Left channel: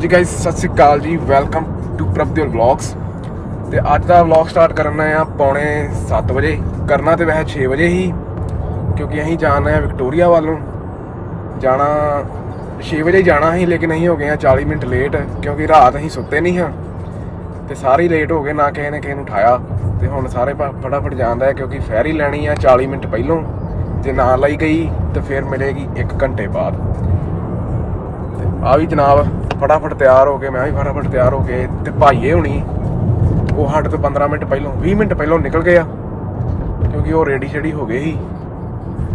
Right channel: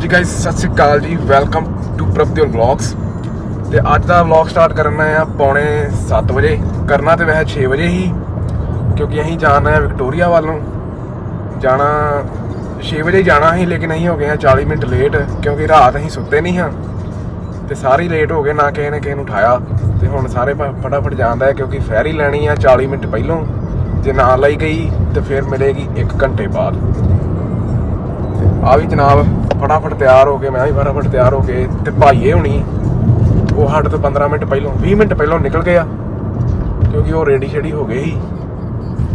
ਹਾਂਜੀ ਗਾਇਸ ਸਤਿ ਸ੍ਰੀ ਅਕਾਲ ਜੀ welcome to ਪ੍ਰਭਦੇਵ vlogs ਤੇ ਅੱਜ ਦਾ ਵਲੌਗ ਸਟਾਰਟ ਕਰਨਾ ਹੈ ਪੌਣੇ 7 ਵਜੇ, ਕਰਨਾ ਤੇ ਵੈਸੇ 6 ਵਜੇ ਹੀ, ਕਿਉਂਕਿ ਅਸੀਂ ਜਾਣਾ ਹੈ ਵਿਕਟੋਰੀਆ ਵੱਲ ਨੂੰ। ਜਾਣਾ 6 ਵਜੇ ਜਾਣਾ ਸੀ, ਲੇਕਿਨ ਅਸੀਂ ਹੋ ਗਏ ਹਾਂ 40 ਮਿੰਟ ਲੇਟ ਕਿਉਂਕਿ ਰਾਤ ਅਸੀਂ ਸੁੱਤੇ ਨਹੀਂ ਹਾਂ। ਤੇ ਸਾਰੇ ਲੇਟ ਹੋ ਗਏ, ਨਾ ਕਿਸੇ ਨੇ ਕਿਸੇ ਨੂੰ ਉਠਾਇਆ। ਤੇ ਹੁਣ ਸਾਰੇ ਪ- ਫਟਾਫਟ ਜਾਂਦਾ ਹੈ, ਕਿਉਂਕਿ ਫੈਰੀ ਲੈਣੀ ਆ 40 ਮਿੰਟ ਪਹਿਲੋਂ। ਜੇ ਨਾ ਲਈ ਗਈ, ਤੇ ਫਿਰ ਮਿਲੇਗੀ 1 ਘੰਟੇ ਬਾਅਦ। ਆ ਵੀ ਜਨਾਬ ਫਟਾਫਟ ਤਿਆਰ ਹੋ ਕੇ, ਮੈਂ ਵੀ ਫਟਾਫਟ ਤਿਆਰ ਹੋ ਕੇ ਤੇ ਭਾਈਏ ਹੁਣੀ, ਉਹ ਸਾਡੇ ਤੋਂ 15 ਮਿੰਟ ਪਹਿਲਾਂ 20 ਮਿੰਟ ਪਹਿਲਾਂ ਨਿਕਲ ਗਏ ਆ, ਕਿਉਂਕਿ ਉਹ ਰੈਡੀ ਸ਼ੈਡੀ ਹੋ ਗਏ ਸੀ।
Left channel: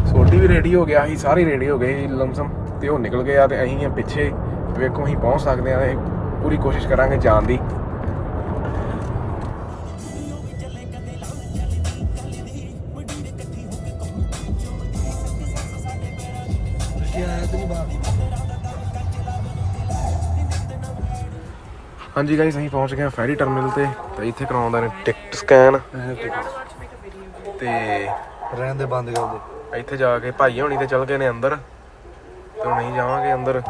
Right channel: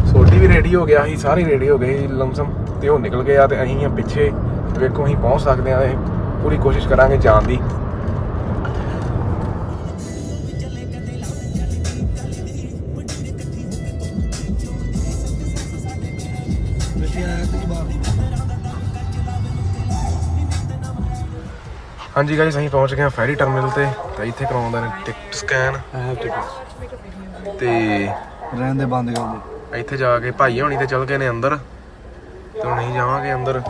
ਸੋਡੀ ਵੀ ਰੈਡੀ ਹੋ ਗਿਆ ਸੀ, ਸਾਰੇ ਰੈਡੀ ਹੋ ਗਏ ਸੀ, ਲਮਸਮ, ਤੇ ਉਹ ਨਿਕਲ ਗਏ ਆ ਤੇ ਅਸੀਂ ਆ ਪਿੱਛੇ, ਵੇਖੋ ਅਸੀਂ ਪਹੁੰਚ ਸਕਦੇ ਆ ਅਸੀਂ ਪੂਰੀ ਕੋਸ਼ਿਸ਼ ਕਰਾਂਗੇ ਜਾਣ ਦੀ। ਹਾਂਜੀ ਗਾਇਸ ਅਸੀਂ ਪਹੁੰਚ ਗਏ ਹਾਂ ਫੈਰੀ ਟਰਮੀਨਲ ਤੇ ਤੇ ਇੱਥੇ ਕਰਾਉਂਦੇ ਨੇ ਟਿਕਟ ਸਕੈਨ ਤੇ ਰਹਿਣ ਦੇ ਬੰਦ ਕਰ ਦੇ। ਇੱਥੇ ਜਾ ਕੇ ਭਾਈ ਹੋਣੀ ਤੇ ਚਲ ਗਏ ਨੇ ਅੰਦਰ। ਤੇ ਹੁਣ ਅਸੀਂ ਜਾਵਾਂਗੇ ਅੰਦਰ।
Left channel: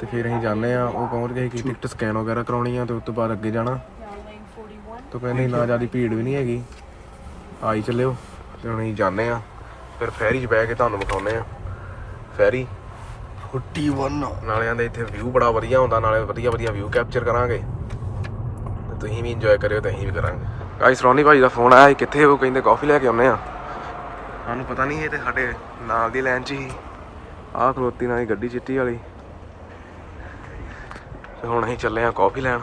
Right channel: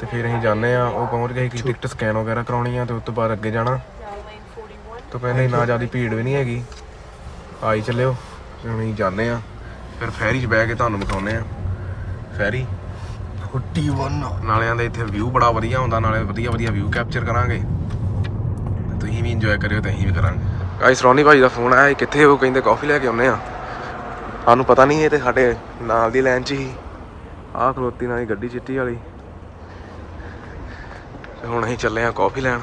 ਤੇ ਫਿਰ ਅਸੀਂ ਜਾਂਦੇ ਆ ਉਹ ਪਹੁੰਚ ਗਏ ਕਿ ਟਿਕਟ ਸਕੈਨ ਵਗੈਰਾ ਕਰਾਉਣੀ ਆ ਤੇ ਉਸ ਤੋਂ ਬਾਅਦ ਅੱਗੇ ਜਾਣਾ। ਤਾਂ ਕਹਿੰਦੇ ਨਾ ਜ਼ਿਆਦਾ ਭੀੜ ਵੀ ਨਹੀਂ ਹੈਗੀ। ਆਈ ਚੱਲਿਓ ਤੇ ਹੁਣ ਅਸੀਂ ਜਾਂਦੇ ਆ ਫਿਰ ਫੈਰੀ 'ਚ ਬਹਿ ਕੇ ਤੁਹਾਨੂੰ ਵਿਖਾਉਨੇ ਆ ਫੈਰੀ। 41 ਨਾਲਿਆਂ ਦੇ ਇੱਥੇ ਵਿਊ ਬੜਾ ਵਧੀਆ ਹੁੰਦਾ, ਨਾਲੇ ਵਧੀਆ ਵਧੀਆ ਵਿਊ ਕੈਪਚਰ ਕਰਾਂਗੇ। ਤੇ ਤੁਸੀਂ ਵੀ ਇੰਜੋਏ ਕਰਿਓ ਤੇ ਅਸੀਂ ਵੀ ਕਰਾਂਗੇ। ਗਾਇਸ ਰੋਨੀ ਭਾਈ ਦਾ ਫੋਨ ਆਇਆ ਕਿੱਥੇ ਉਹ ਕਹਿੰਦੇ ਕਾਫੀ ਲੈ ਕੇ ਆਉਨੇ ਆ। ਸਾਨੂੰ ਪਤਾ ਨਹੀਂ ਇਹ ਤੇ ਸਾਡੇ ਨਾਲ ਦੀ ਲਾਈਨ 'ਚ ਹੀ। ਆਹ ਖਲੋਤੀ ਨਾਲ ਹੀ ਗੱਡੀ ਚਿੱਟੀ ਵਾਲੀ। ਤੇ ਹੁਣ ਅਸੀਂ ਚੱਲੇ ਆ ਕਾਫੀ ਲੈਣ।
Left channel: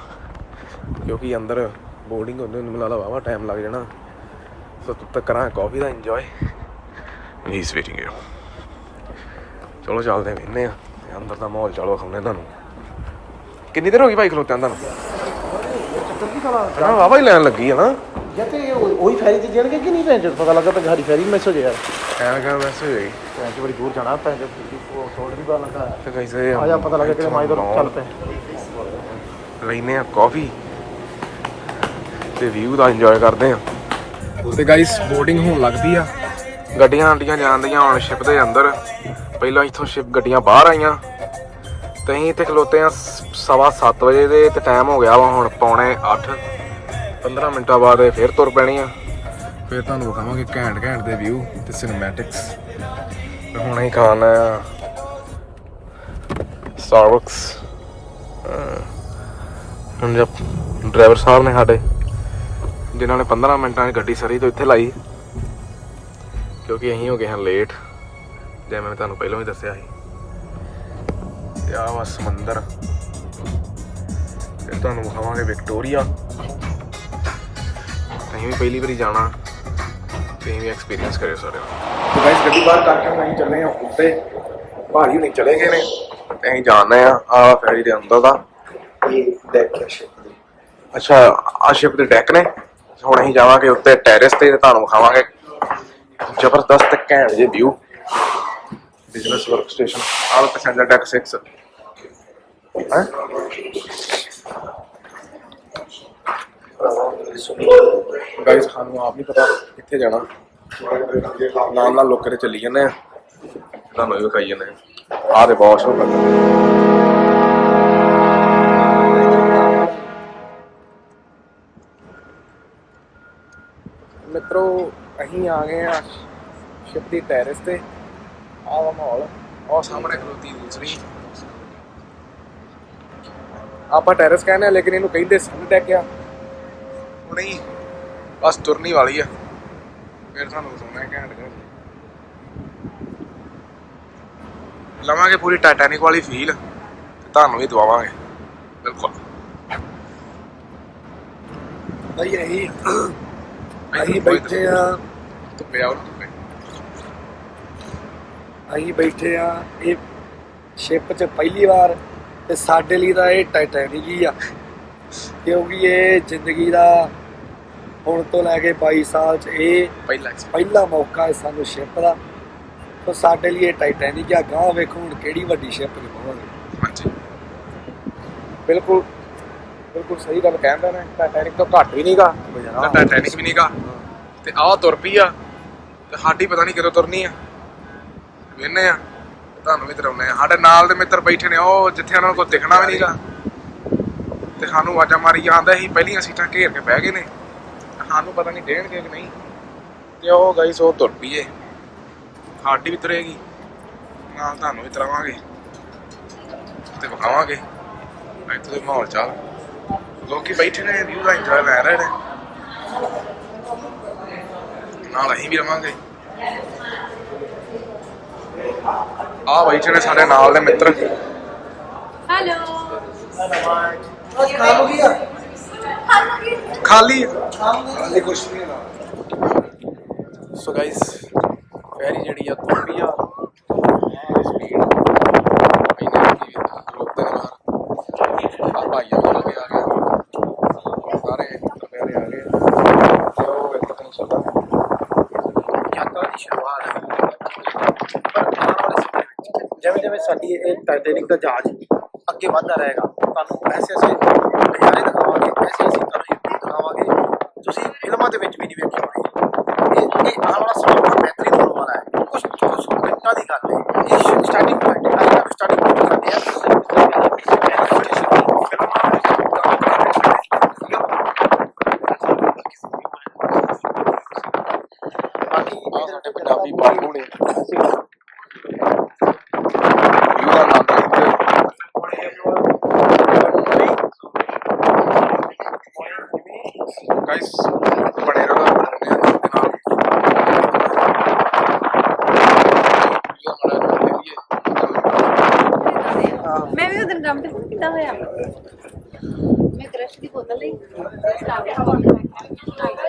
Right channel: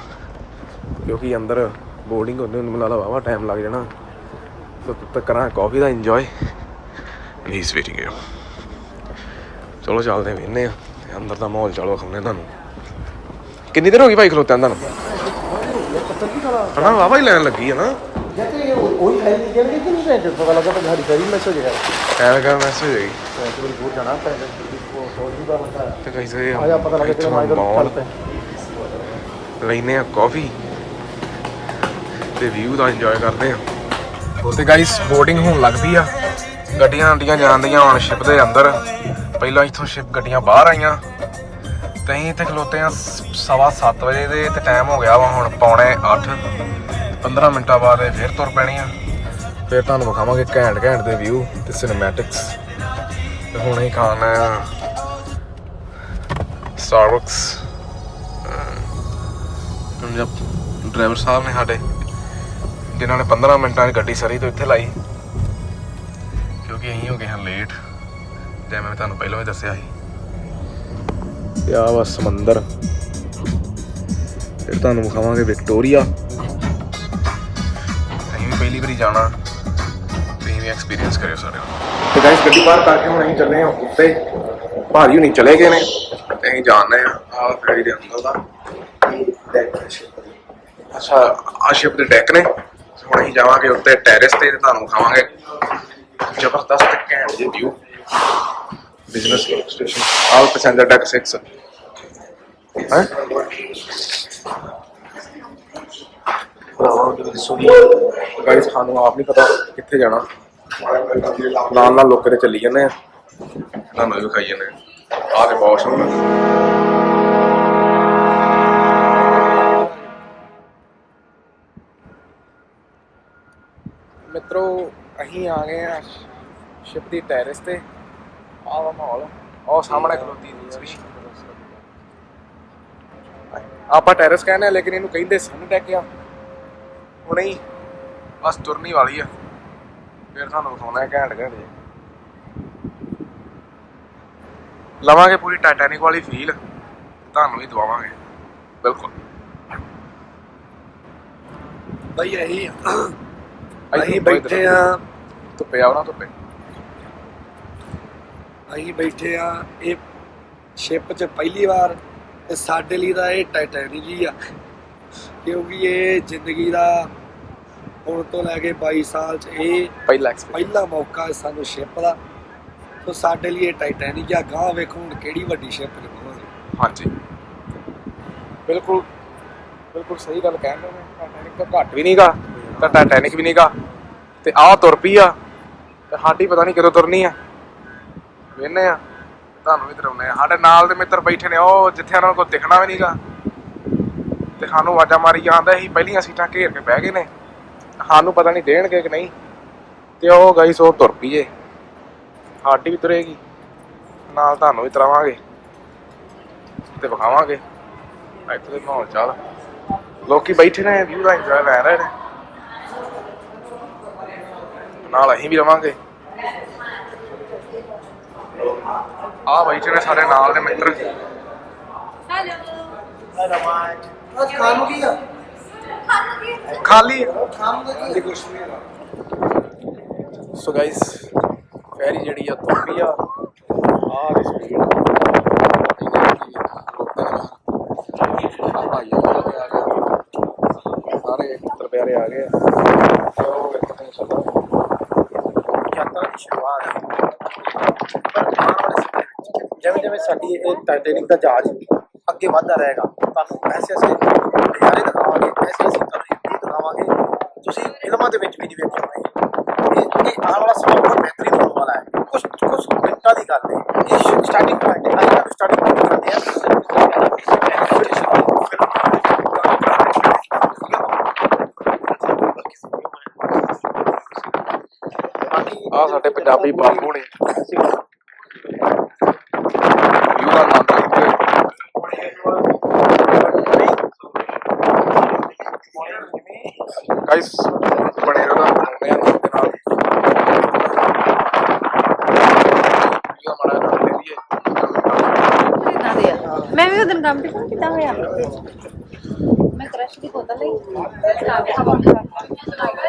ਕਿਉਂਕਿ ਅੰਦਰ ਬੋਰਡਿੰਗ ਹੁੰਦੇ ਨੂੰ ਮਿਲਾ ਵਾਵਾ ਟਾਈਮ ਲੱਗ ਜਾਣਾ। ਸੋ ਤਦ ਤੱਕ ਕਰਾਂ ਕਾਫੀ ਦਾ enjoy and he is waiting here ਚਲੋ ਚੱਲਦੇ ਵੇਨੇ ਆ। ਤੇ ਅੰਦਰ ਦਾ ਮਾਹੌਲ ਚਲੋ ਖਾਣੇ ਤੁਹਾਨੂੰ। ਕਿੰਨੀ ਦੇਰ ਹੋ ਗਈ ਭਾਈ ਖਲੋਤਿਆਂ ਨੂੰ ਹਣਾ ਵਾਵਾ ਹੀ ਲੈਣ ਲੱਗੀ ਹੈ ਨਾ। ਉਹੀ ਫੈਰੀ ਦੀ ਕਹਿਣਗੇ ਕਿ ਨਹੀਂ ਲੈਂਦੇ ਪਤਾ ਲੱਗਾ ਤਾਂ ਸਾਡੀ ਫੈਰੀ ਮਿਸ ਹੋ ਕਰ ਮੈਸੇਜ ਦੂਰ ਜਾਣਾ ਪੈਂਦਾ ਕਰਾ ਤੇ ਆ ਜਾ ਪਤਾ ਲੱਗੇ ਕਿ ਇੱਥੋਂ ਮਾਹੌਲ। ਲੈਨੇ ਆ ਕਾਫੀ ਤੇ ਵਿਊ ਦਾ ਇੰਜੋਏ ਕਰਦੇ ਆ। ਤੇ ਗਾਇਸ ਬੋਰਡਿੰਗ ਹੋਣ ਲੱਗਦੀ ਆ। ਗੱਡੀਆਂ ਆਂਡੀਆਂ ਜਾਂਦੀਆਂ ਹੁਣ ਸ਼ਿਪ ਦੇ ਅੰਦਰ। ਪਹਿਲਾਂ ਇੱਥੋਂ ਸ਼ਿਪ ਗੱਡੀਆਂ ਬਾਹਰ ਆਈਆਂ। ਤੇ ਅਸੀਂ ਇੱਥੇ ਖਲੋਤੇ ਆ ਸ- ਸਵਾ 7 ਵਜੇ ਦੇ ਤੇ ਟਾਈਮ ਹੋ ਗਿਆ ਵਾ ਹੁਣ ਪੌਣੇ 8 15 ਮਿੰਟਾਂ ਬਾਅਦ ਇਹ ਫੇਰ ਤੁਰ ਪੈਣੀ ਆ ਫਿਰ ਤੁਹਾਨੂੰ ਵਿਖਾਵਾਂਗੇ ਘੈਂਟ ਘੈਂਟ ਦੇ ਵਿਊ ਤੇ ਸਿਨੇਮੈਟਿਕਸ ਤੇ ਹੁਣ ਅਸੀਂ ਖਾਣਾ ਆ ਸਟਾਰਬਕਸ ਹੁਣ ਜਦ ਡਰਾਈਵਰ ਸਾਹਿਬ ਨੇ ਸਾਡੇ, ਜਿਨ੍ਹਾਂ ਨੇ 15 ਮਿੰਟਾਂ 'ਚ ਗੱਡੀ ਸਰੀ ਤੋਂ ਇੱਥੇ ਲਾਈ। ਕਿਉਂਕਿ ਅਸੀਂ ਹੋ ਗਏ ਹਾਂ ਲੇਟ ਜਿਵੇਂ ਮੈਂ ਤੁਹਾਨੂੰ ਪਹਿਲਾਂ ਵੀ ਦੱਸਿਆ ਸੀ। ਤੇ ਆ ਵਾ ਸਮੁੰਦਰ? ਫਿਰ ਤੁਹਾਨੂੰ ਵਿਖਾਵਾਂਗੇ ਵਿਕਟੋਰੀਆ। ਅਸੀਂ ਵੀ ਪਹਿਲੀ ਵਾਰੀ ਜਾਣਾ। ਤੁਸੀਂ ਵੀ ਐਕਸਪੀਰੀਅੰਸ ਕਰਿਓ ਸਾਰੇ ਤੇ ਗਾਇਸ ਗੱਡੀ ਬਾਹਰ ਕਰਕੇ ਹੁਣ ਅਸੀਂ ਚੱਲੇ ਹਾਂ ਉੱਤੇ। ਭਾਰੀ ਹੁਣੀ ਚਲੇ ਗਏ ਨੇ। ਤੇ ਅਸੀਂ ਜਾਣਦੇ ਆ ਆ ਫੈਰੀ ਦੇ ਅੰਦਰ ਦਾ। ਇਹ ਡੈਕ ਹੈ ਸ਼ਿਪ ਦੀ। ਅੱਛਾ ਆ ਸ਼ਿਪ ਦੇ ਡੈਕ ਨੇ। ਹੁਣ ਅਸੀਂ ਜਾਵਾਂਗੇ ਉੱਤੇ ਟੈਰੇਸ ਤੇ ਤੁਹਾਨੂੰ ਵਿਖਾਵਾਂਗੇ। ਜ਼ਬਰਦਸਤ ਘੈਂਟ ਜਿਹੇ view business work station all passenger deck 6 ਹੈ? ਗਾਇਸ ਸਾਨੂੰ ਆਪ ਨਹੀਂ ਪਤਾ ਕਿੱਥੇ ਜਾਣਾ। ਨਾਲ ਨਾਲ ਲੋਕਾਂ ਦੇ ਚੱਲੀ ਜਾਂਦੇ ਆ। ਤੁਹਾਨੂੰ ਵੀ ਵਿਖਾਈ ਜਾਂਦੇ ਆ। ਆਹ ਤੇ ਵਾਸ਼ਰੂਮ ਮਿੱਤਰੋ ਅਸੀਂ ਆ ਗਏ ਆ ਸ਼ਿਪ ਦੀ ਟੈਰੇਸ ਤੇ। ਆਹ ਵਾ ਮਾਹੌਲ। ਉਹ ਸਾਹਮਣੇ ਖਲੋਤੀ ਦੂਸਰੀ। ਆਪਾਂ ਟੈਰੇਸ ਕਹਿੰਦੇ ਆ ਲੇਕਿਨ ਇਹਨੂੰ ਕਹਿੰਦੇ ਸਨ ਡੈਕ ਆ। ਹੁਣੇ ਹੀ ਬਸ ਤੁਰਨੀ ਵਾਲੀ ਆ। ਫਿਰ ਤੁਹਾਨੂੰ ਵਿਖਾਉਣਾ ਹੈ ਘੈਂਟ ਘੈਂਟ। ਲਵਾਂਗੇ ਪੂਰੀ ਟਾਈਟੈਨਿਕ ਵਾਲੀ ਫੀਲ ਤੇ ਤੁਹਾਨੂੰ ਵੀ ਦਵਾਵਾਂਗੇ। ਬਿਲਕੁਲ। ਬਈ ਅਸੀਂ ਅਸੀਂ ਬੈਠੇ ਆ। ਧੁੱਪੇ ਆਉਣਾ ਧੁੱਪੇ। ਅਸੀਂ ਬੈਠੇ ਆ ਇਹ ਸ਼ਿਪ 'ਚ ਪਹਿਲੀ ਵਾਰ ਤੇ ਸਾਡੇ ਲਈ ਤਾਂ ਇਹ ਟਾਈਟੈਨਿਕ ਹੀ ਆ। ਕਿਉਂਕਿ ਇਹ ਜ਼ਿੰਦਗੀ ਦਾ ਹੁਣ ਤੋਂ ਲੈ ਕੇ 22 ਸਾਲ 'ਚ ਇਹ ਪਹਿਲਾ ਪਹਿਲਾ ਮੌਕਾ ਹੈ ਸਾਨੂੰ ਸ਼ਿਪ ਦਾ। ਸੋ ਸਾਡੇ ਲਈ ਇਹ ਟਾਈਟੈਨਿਕ ਆ। ਗਾਂ ਵੇਖੋ ਹੁਣ ਕਿਹੜੀ ਵੱਡੀ ਸ਼ਿਪ 'ਚ ਬਵਾਂਗੇ। ਹਾਂਜੀ। ਬਿਲਕੁਲ ਬਿਲਕੁਲ ਸਹੀ ਗੱਲ ਕਹਿੰਦੇ ਨੇ। ਟਾਈਟੈਨਿਕ ਤੋਂ ਘੱਟ ਵੀ ਨਹੀਂਗਾ ਤਾਂ ਟਾਈਟੈਨਿਕ ਵੀ ਨਹੀਂਗਾ। ਤੇ ਆਹ ਤੁਰ ਪਈ ਆ। ਤੇ ਸਾਡੀ ਪਤਾ ਨਹੀਂ ਕਦੋਂ ਤੁਰਨੀ ਆ। ਵੇਨੇ ਆ। ਤੁਹਾਨੂੰ ਵੀ ਤਰਾਉਨੇ ਆ। ਸਾਡੇ ਨਾਲ ਦੇ ਮਿੱਤਰ ਬੈਠੇ ਨੇ, ਉਹ ਜਿੱਥੇ ਉਹਨਾਂ ਨੂੰ ਕੋਈ ਦਿਖਣਾ ਵੀ ਨਹੀਂਗਾ ਤੇ ਸਾਨੂੰ ਆਵਾਜ਼ਾਂ ਮਾਰੀ ਜਾਂਦਾ ਸੀ, ਪਹਿਲੀਆਂ ਸੀਟਾਂ ਘੇਰ ਕੇ ਬਹਿ ਗਏ ਨੇ। ਸਾਨੂੰ ਪਤਾ ਨਹੀਂ ਦੇਣਗੇ ਕਿ ਨਹੀਂ। ਤੇ ਉਹ ਗਈ ਸੋ ਤੁਰ ਪਈਏ। ਸਾਡੀ ਵੀ ਤੁਰੇਗੀ। ਨਾਲ ਤੁਹਾਨੂੰ ਵੀ ਤਰਾਵਾਂਗੇ। ਤੇ ਵਿਖਾਵਾਂਗੇ। ਇੱਥੇ ਦੇ ਮਾਹੌਲ ਚਾਲ। ਲੋਕੀ ਬੈਠੇ ਨੇ, ਵਿਊ ਦਾ ਇੰਜੋਏ ਲੈ ਰਹੇ ਨੇ। ਨਾਲ ਅਸੀਂ ਵੀ ਰਵਾਂਗੇ। ਆ ਬੈਠੇ ਨੇ ਸਾਡੇ ਨਾਲ ਦੇ ਮਿੱਤਰ। हेलो ਕੰਮ ਕੀ ਆ? ਖਾਲੀ ਕੀ? ਕੁਛ ਸੋ ਗਾਇਸ ਫੈਰੀ ਜਿਹੜੀ ਆ ਤੁਰ ਪਈ ਆ ਆ। ਸਪੀਡ ਇਹਨੇ ਕੀ ਰੋਕਦੇ ਨੇ ਬਾਹਰ ਆ ਭਾਈ ਆ ਗਿਆ ਆ ਗਿਆ ਸਾਰੇ ਤਰਪਿਆਰੇ ਆ ਗਏ ਤੇ ਉਹ ਇੱਕ ਤੇ ਚੱਲਦਾ ਯਾਤਰਾ ਦੀ ਸ਼ੁਰੂਆਤ ਹੈ ਪਰ ਆਉਣ ਵਾਲੇ ਸਮੇਂ ਵਿੱਚ ਜਿਵੇਂ ਜਿਵੇਂ ਸਾਡੀ ਇਹ ਟਾਈਟੈਨਿਕ ਦਾ ਜਹਾਜ਼ ਅੱਗੇ ਵਧਦਾ ਰਹੇਗਾ, ਤੁਹਾਨੂੰ ਐਸੇ ਐਸੇ ਨਜ਼ਾਰੇ ਦਿਖਾਵਾਂਗੇ, ਐਸੇ ਐਸੇ ਤੁਹਾਨੂੰ ਦਿਖਾਵਾਂਗੇ। ਤੁਸੀਂ ਫਿਲਮਾਂ ਦੇ ਵਿੱਚ ਵੀ ਨਹੀਂ ਵੇਖੇ ਹੋਣਗੇ ਇਹ ਇਹ ਆਉਣ ਵਾਲਾ ਸਮਾਂ ਬਹੁਤ ਬਿਹਤਰੀਨ ਹੋਣ ਵਾਲਾ ਹੈ ਕੁਝ ਕੁਝ ਮਿੰਟਾਂ ਦੀ ਗੱਲ ਹੈ ਇਹ ਸਟਾਰਟਿੰਗ ਪੁਆਇੰਟ ਹੈ ਆਈਆਂ ਸਟਾਰਟਿੰਗ ਪੁਆਇੰਟ ਕਰਦੇ ਆ ਬਾਕੀ ਆ ਸਾਡੇ ਪੰਜਾਬੀ ਬਾਪੂ ਨੇ ਵਿਊ ਦਾ ਆਨੰਦ ਲੈਂਦੇ ਗਾਇਸ ਬਣੇ ਰਹੋ ਨੇ ਦੇ ਨਾਲ ਵਿਊ ਮਾੜਾ ਕਰ ਲਈਏ ਮੈਂ ਵੀ ਉਦੋਂ ਕੰਪੀਟੀਸ਼ਨ ਕਿੱਦਾਂ ਹੋਇਆ ਮੈਂ ਕ੍ਰਸ਼ ਦੀ ਬੋਤਲ ਲਈ ਕਾਗਜ਼ ਕਾਪੀ ਰੱਖ ਕੇ ਜਿਹੜਾ ਪੇ ਹੈ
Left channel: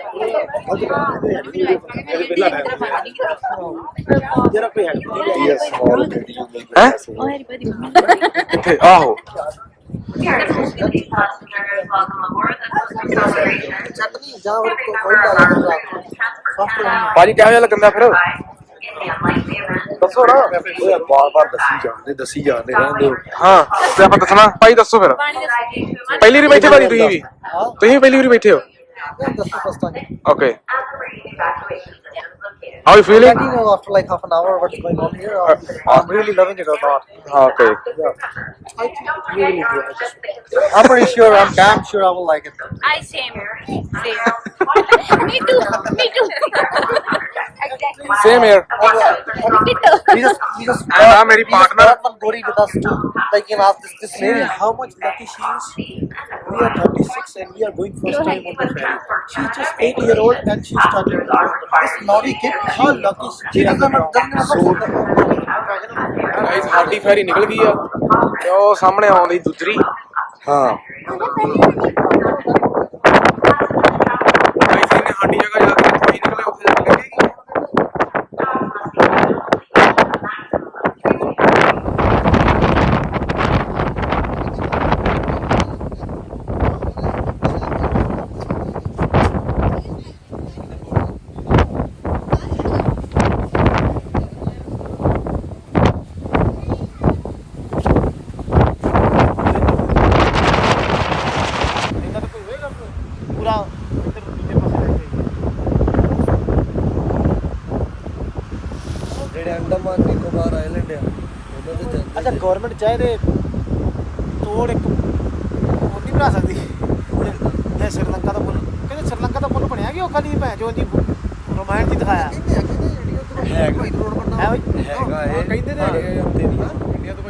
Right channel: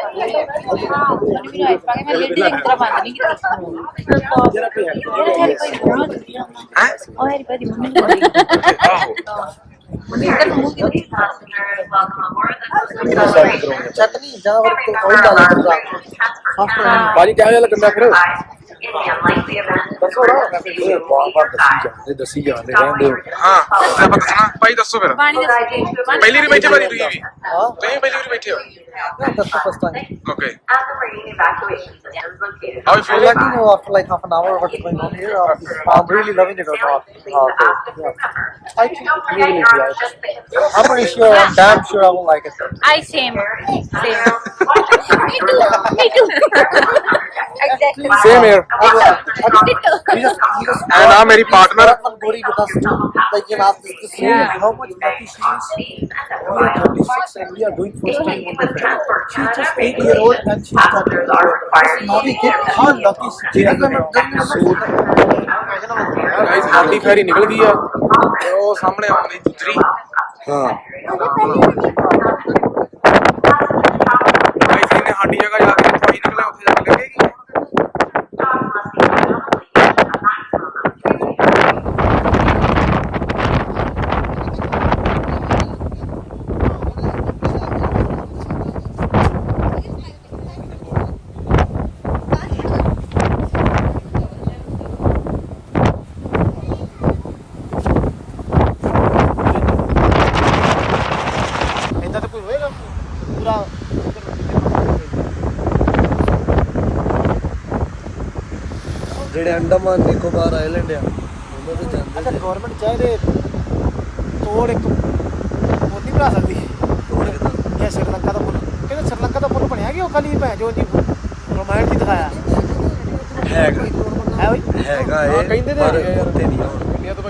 ਹੈ ਉਹ ਹੈਰੀ ਭਾਈ ਮੰਮੀ ਆਹੋ ਚਟਨੀ ਜਾਂ ਫਿਰ ਕੋਈ ਲਾ ਲੈਂਦਾ ਸੌਫਟ ਬਾਜੀ ਕਿਹੋ ਜਿਹਾ ਲੱਗਦਾ ਫਿਰ ਦੱਸੋ ਨਾ ਬਾਰ ਬਾਰ ਦੱਸੀ ਜਾਂਦੇ ਦੱਸੀ ਜਾਂਦੇ ਰਹਿੰਦੇ ਹੋ ਹਾਂ ਤੇ ਆਪਾਂ ਦੱਸਣਾ ਭਾਈ ਦੱਸੋ ਫਿਰ ਪਾਣੀ ਦੇ ਪਹਿਲੀ ਵਾਰੀ ਬੈਠੇ ਭਾਜੀ ਤੁਸੀਂ ਵੀ ਹਾਂ ਤੁਸੀਂ ਪਹਿਲੀ ਵਾਰੀ ਬੈਠੇ ਹੋ That's the first time. Okay. And the marine evacuation how you feeling? Let you know after like half an hour what's going on here. I'm really loving it or not. Oh, okay. Yeah. I think really, yeah, I just, I'm pretty sure. I'm damn sure I will like it. I same. Same. me too. Me too. same here. we just, we just and our meri partner. Gori with us too. Like you know, this, this lady, how much lucky she is. We are 36 and we are going first time on the ferry. She's just eight year old and she started on the. This naughty kid, how lucky she is. So, guys ਸਾਡੀ ferry ਨਿਕਲ ਗਈ ਆ ਤੇ ਉਹ ਸਾਹਮਣੇ ਆਉਂਦੀ ਦੂਸਰੀ ਹਾਂ। ਗਾਇਸ ਇਹਨੇ ਸਾਡੀ ਜਗ੍ਹਾ ਜਾ ਕੇ ਨਿਕਲੇ ਉੱਥੇ ਜਾ ਕੇ ਲੱਗੇਗੀ ਇੱਦਾਂ ਤਾਂ ਕੋਈ ਹੋਏਗਾ ਪੂਰਾ ਇੱਧਰ ਦੂਜੇ ਪਾਸੇ ਜਿਹੜੇ ਅੰਡਮਾਨ ਨਿਕੋਬਾਰ ਆਈਲੈਂਡ ਆ ਉਹਨਾਂ ਤੇ ਜਾਂਦੇ ਅੱਛਾ ਨੇ ਗਵਰਨਮੈਂਟ ਚਾਹੇ ਤੋੜ ਇੱਕ ਨਹੀਂ ਬਣਾ ਸਕਦੀ। ਇਹ ਸ਼੍ਰੀਲੰਕਾ ਦਾ ਪੁੱਲ। ਕਹਿੰਦੇ ਸ਼੍ਰੀਲੰਕਾ ਦਾ ਪੁੱਲ ਬਣਿਆ ਕਿ ਉਹ ਖਾਲੀ ਭੈ ਜੋ ਜੀ? ਰੋਮਾਂਟ ਦੀ ਦਿਖਾਇਆ। ਹੈਗਾ ਹੈ ਬਈ? ਹੈਗਾ ਹਾਂ, ਇਹ। ਕਹਿੰਦੇ ਤਾਂ ਹੈਗੇ। ਯਾਰ। ਇੰਡੀਆ ਤੋਂ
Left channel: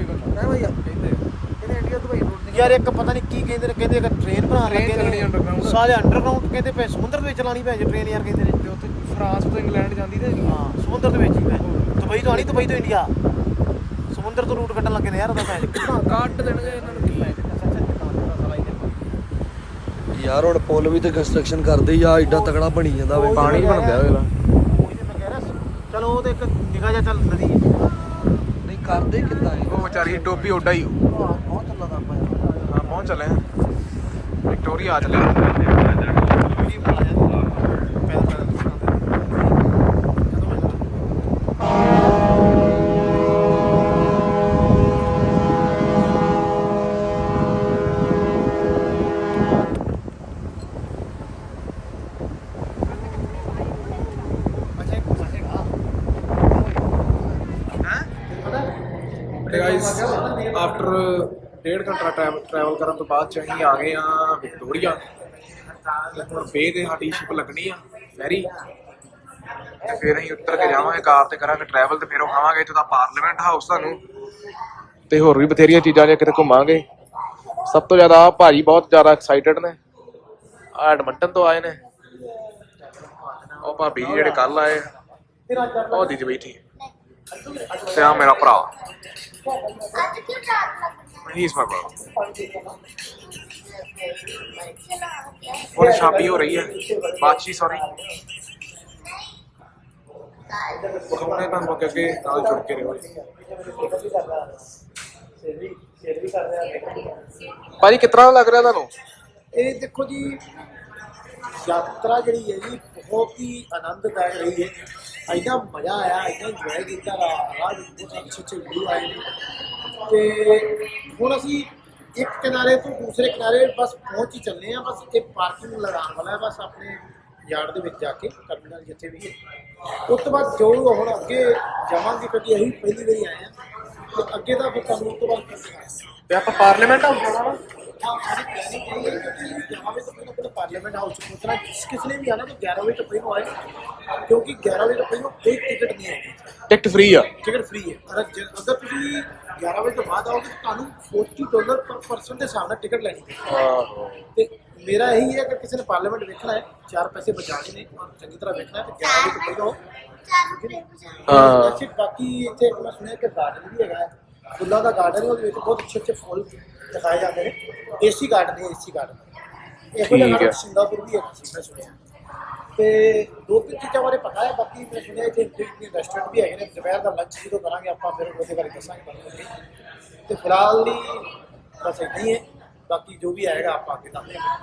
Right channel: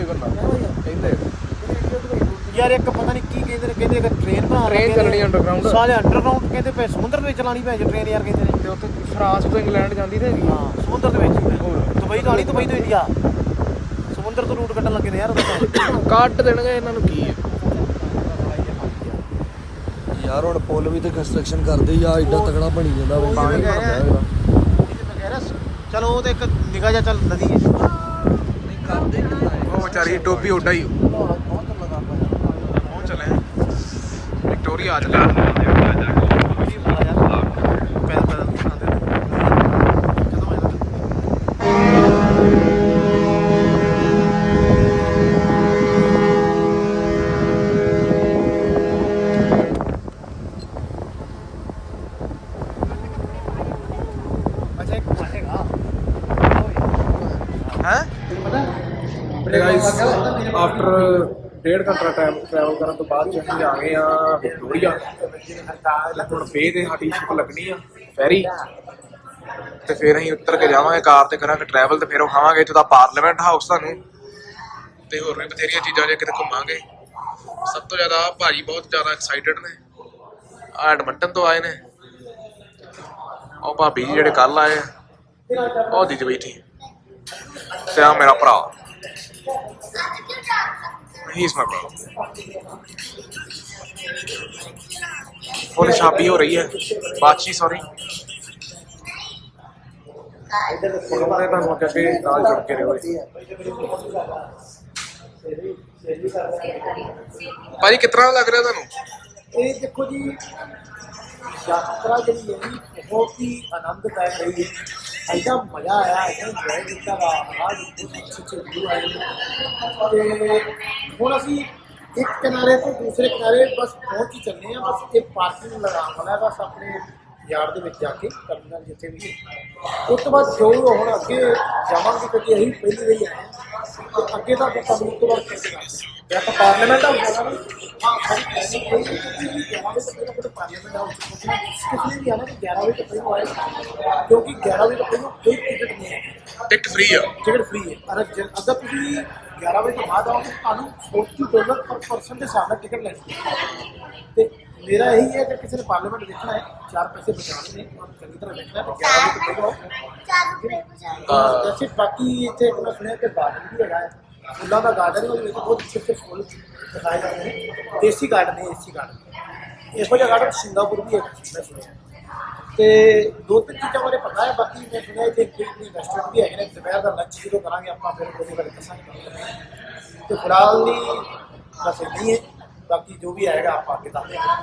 ਇੱਕ ਪਤਾ ਨਹੀਂ ਕੀ ਕਹਿੰਦੇ ਨੇ ਕਹਿੰਦੇ ਇੱਕ ਟ੍ਰੇਨ ਬਣਾਉਣ Train ਲੱਗੇ ਨੇ। ਸਾਰੇ ਅੰਡਰਗਰਾਉਂਡ ਕਹਿੰਦੇ ਪਏ ਸਮੁੰਦਰ ਦੇ ਵਿੱਚ ਚਲਾਣੀ ਪੈ ਜੇ ਟ੍ਰੇਨ ਯਾਰ ਕਹਿੰਦੇ ਨੇ। ਤੇ ਉੱਥੇ ਫਰਾਂਸ ਤੋਂ ਇੰਗਲੈਂਡ ਜਾਂਦੀ ਤੇ ਹਾਂ ਸਮੁੰਦਰ ਦੇ ਵਿੱਚ ਹੀ ਪੈ ਦੁਬਈ ਤੋਂ ਆਣੀ ਦੁਬਈ ਤੋਂ ਇੰਡੀਆ। ਸਮੁੰਦਰ ਤੋਂ ਰੂਟ ਕੱਢਣ ਲੱਗੇ ਨੇ ਯਾਰ ਉਹਦਾ ਕੱਟ ਦੇਣਗੇ ਇਹਨਾਂ ਨੂੰ ਕੀ ਯਾਰ ਹੁਣ ਪੁੱਲ ਵੀ ਤੇ ਕੰਸਟਰਕਸ਼ਨ ਕਰਦੇ ਹੀ ਆ ਐਡਾ ਤਗੜਾ ਬਣੀ ਜਾਂਦਾ ਵੇ ਉਹੀ ਮੈਂ ਕਹਿ ਰਿਹਾ ਉਹੀ ਤੇ ਮੈਂ ਕਹਿ ਰਿਹਾ ਚਲੋ ਉਹ ਤੇ ਇੱਕ ਨਿਗਾਹ ਜਿਹਾ ਚੱਲ ਨਦੀ ਹੈ। ਨਹੀਂ ਕਰਦੇ ਕਿੰਨਾ ਉਹ ਵਿਚਾਰੀ ਟੋਪੀ ਉੱਡਾ ਹੀ। ਪਹੁੰਚ ਚੱਲੇ ਵਿਕਟੋਰੀਆ ਆ ਚੱਲਾ ਵੀਡੀਓ ਬਣਾ ਯਾਰ ਪੈਰ ਪੈਰ ਕਦੋਂ ਹੋਇਆ ਅੱਛਾ ਇੱਕ ਮਾਰੇਗਾ ਹੈ ਗਾਇਸ ਆਫਟਰ ਡੇਢ ਘੰਟਾ ਟਰੈਵਲ ਕਰਨ ਤੋਂ ਬਾਅਦ ਚ ਅਸੀਂ ਆ ਗਏ ਆ ਵਿਕਟੋਰੀਆ। ਤੇ ਹੁਣ ਬੇ ਤੇ ਸਾਡੀ ਸ਼ਿਪ ਲੱਗਣੀ ਆ ਫੈਰੀ ਤੇ ਫਿਰ ਅਸੀਂ ਉੱਤਰ ਕੇ ਜਾਵਾਂਗੇ ਕਾਰ ਤੇ ਕਰਾਂਗੇ ਟਰੈਵਲ ਤੇ ਫਿਰ ਵਿਖਾਵਾਂਗੇ ਇੱਥੋਂ ਦਾ ਪਾਰਲੀਮੈਂਟ ਹਾਊਸ ਤੁਹਾਨੂੰ ਤੇ ਹੋਰ ਵੀ ਬਥੇਰੀਆਂ ਚੀਜ਼ਾਂ ਜੇ ਕਿਤੇ ਘੁੰਮਾਂਗੇ। ਸਭ ਤੋਂ ਜ਼ਿਆਦਾ ਆਹ ਭਾਜੀ ਬਹੁਤ ਜ਼ਿਆਦਾ ਐਕਸਾਈਟਡ ਨੇ। ਆ ਐਡਮੰਟਨ ਤੋਂ ਆਏ ਨੇ। ਉਹ ਭਾਬੀ ਜੀ ਜਿਹੜੇ ਕੱਲ ਆਏ ਆ, ਉਹ ਦੀਦੀ ਬੈਠੀ। ਤੇ ਆ ਮੇਰਾ ਭਰਾ। ਹੀ ਇਸ ਮਾਈ ਬ੍ਰਦਰ ਉਹਨੇ ਸ਼ਾਦੀ ਹੋ ਰਹੀ ਹੈ ਬਾਦਸ਼ੀ ਉਹਨੇ ਤੁਹਾਨੂੰ ਅੱਗੇ ਅੱਗੇ ਨਾਲ ਜੁੜ ਕੇ ਰਹੋ ਜੀ ਭਾਜੀ ਕਿਤਨਾ ਲੱਗ ਰਿਹਾ ਤੁਹਾਨੂੰ ਇਹ ਦੇਖੋ ਜੀ ਯਾਤਰਾ ਜਿਹੜੀ ਹੈ ਜੀ ਬਹੁਤ ਹੀ ਆਨੰਦਦਾਇਕ ਰਹੀ ਹੈ ਐਡਾ ਮਜ਼ਾ ਆਇਆ ਐਡਾ ਇੰਜੋਏ ਕੀਤਾ, ਰਾ ਰਾਜ ਬਹੁਤ ਅੱਛੇ ਅੱਛੇ ਵਿਊ ਆਏ ਨੇ ਤੇ ਹੁਣ ਅਸੀਂ ਇੱਕ ਕਿਨਾਰੇ ਤੋਂ ਦੂਸਰੇ ਕਿਨਾਰੇ ਬਸ ਪਹੁੰਚ ਹੀ ਚੱਲੇ ਆ ਬਸ ਇਹ ਪਾਰਕਿੰਗ ਲਗਾਉਣ ਵਾਲਾ ਹੈ। ਬਸ ਆਪਣੇ ਯਾਰਡ ਦੇ ਵਿੱਚ ਜਾ ਕੇ ਟਰਮੀਨਲ ਜਿੱਥੇ ਵੀ ਹੈ। ਉਸ ਤੋਂ ਬਾਅਦ ਜੋ ਹੁਣ ਅੱਗੇ ਜਾਵਾਂਗੇ, ਕਿਉਂਕਿ ਅਸੀਂ ਪਹਿਲੀ ਵਾਰੀ ਆਏ ਆ ਤੇ ਅੱਗੇ ਦਾ ਫਿਰ ਤੁਹਾਨੂੰ ਉਸ ਤੋਂ ਬਾਅਦ ਕਰਕੇ ਹਾਂ। ਤੇ ਆਪਾਂ ਪਾਰਲੀਮੈਂਟ ਹਾਊਸ ਜਾਣਾ ਨਾ ਹਾਂ ਸਾਡੀ ਪਲੈਨਿੰਗ ਇਹ ਹੈ ਕਿ ਤੁਸੀਂ 11 ਵਜੇ ਤੋਂ ਪਹਿਲਾਂ ਪਹਿਲਾਂ ਪਾਰਲੀਮੈਂਟ ਹਾਊਸ ਚ ਪਹੁੰਚਣਾ ਜਿਸ ਕਿਸ ਨੇ ਵੀ ਆਣਾ ਤਾਂ 11 ਵਜੇ ਤੋਂ ਪਹਿਲਾਂ ਆਏ? ਕਿਉਂਕਿ 11 ਵਜੇ ਤੋਂ ਪਹਿਲਾਂ ਕੋਈ ਟਿਕਟ ਨਹੀਂ ਹੈ ਟਿਕਟ ਫ੍ਰੀ ਆ। ਟਿਕਟ ਫ੍ਰੀ ਹੈ। ਅਗਰ ਜੇ- ਅਗਰ ਤੁਸੀਂ 11 ਵਜੇ ਤੋਂ ਬਾਅਦ ਆਓਗੇ ਤਾਂ ਤੁਹਾਨੂੰ 40 ਡਾਲਰ ਪਰ ਪਰਸਨ ਦੇ ਹਿਸਾਬ ਨਾਲ ਟਿਕਟ ਲੈਣੀ ਹੈ। ਤੇ ਮੇਰਾ ਇਹੀ ਹੈ ਕਿ ਕਿਸੇ ਨੇ ਪਾਰਲੀਮੈਂਟ ਵੇਖਣਾ ਹੈ ਚਾਰ ਪੈਸੇ ਬਚਾਉਣੇ ਨੇ ਔਰ ਚੰਗੀ ਤਰ੍ਹਾਂ ਵੇਖਣਾ ਹੈ ਤਾਂ 11 ਵਜੇ ਤੋਂ ਪਹਿਲਾਂ ਆਓ ਹਾਂ। ਵੈਸੇ ਬਾਕੀ ਇੱਥੇ ਇੱਕ ਮੈਂ ਸੁਣਿਆ ਕਿ ਗਾਰਡਨ ਵੀ ਹੈਗਾ ਹੈ। ਫੁੱਲਾਂ ਦਾ ਗਾਰਡਨ ਹੈ ਉਹਦੇ ਵਿੱਚ ਬਹੁਤ ਅੱਛੇ ਅੱਛੇ ਫੁੱਲ ਦਿਖਾਏ ਜਾਂਦੇ ਨੇ। ਦੇਸੀ ਗਾਰਡਨ ਹੈ ਦੇਸੀ ਗਾਰਡਨ ਇਹੋ ਜਿਹਾ ਗਾਰਡਨ ਸਿੰਗਾਪੁਰ ਵੀ ਸੀ, ਮੈਂ ਸੁਣਿਆ। ਤੇ ਦੋ ਤਿੰਨ ਚੀਜ਼ਾਂ ਬਾਰੇ ਪਤਾ ਹੈ ਬਾਕੀ ਮੈਂ ਸੁਣਿਆ ਇੱਥੇ ਇੱਕ ਰੈਸਟੋਰੈਂਟ ਵੀ ਹੈਗੇ ਨੇ ਦੁਪਹਿਰ ਦਾ ਲੰਚ ਜਦੋਂ ਕਰਾਂਗੇ ਆਪਾਂ ਫਿਰ ਉਹਦੇ ਬਾਰੇ ਦੱਸਾਂਗੇ ਤੁਹਾਨੂੰ ਤੇ ਫਿਲਹਾਲ ਲਈ ਬਸ ਇੰਨਾ ਹੀ ਹੈ ਬਾਕੀ ਜੋ ਵੀ ਆਏਗਾ ਆਪਾਂ ਅੱਗੇ ਦੱਸਦੇ ਹਾਂ।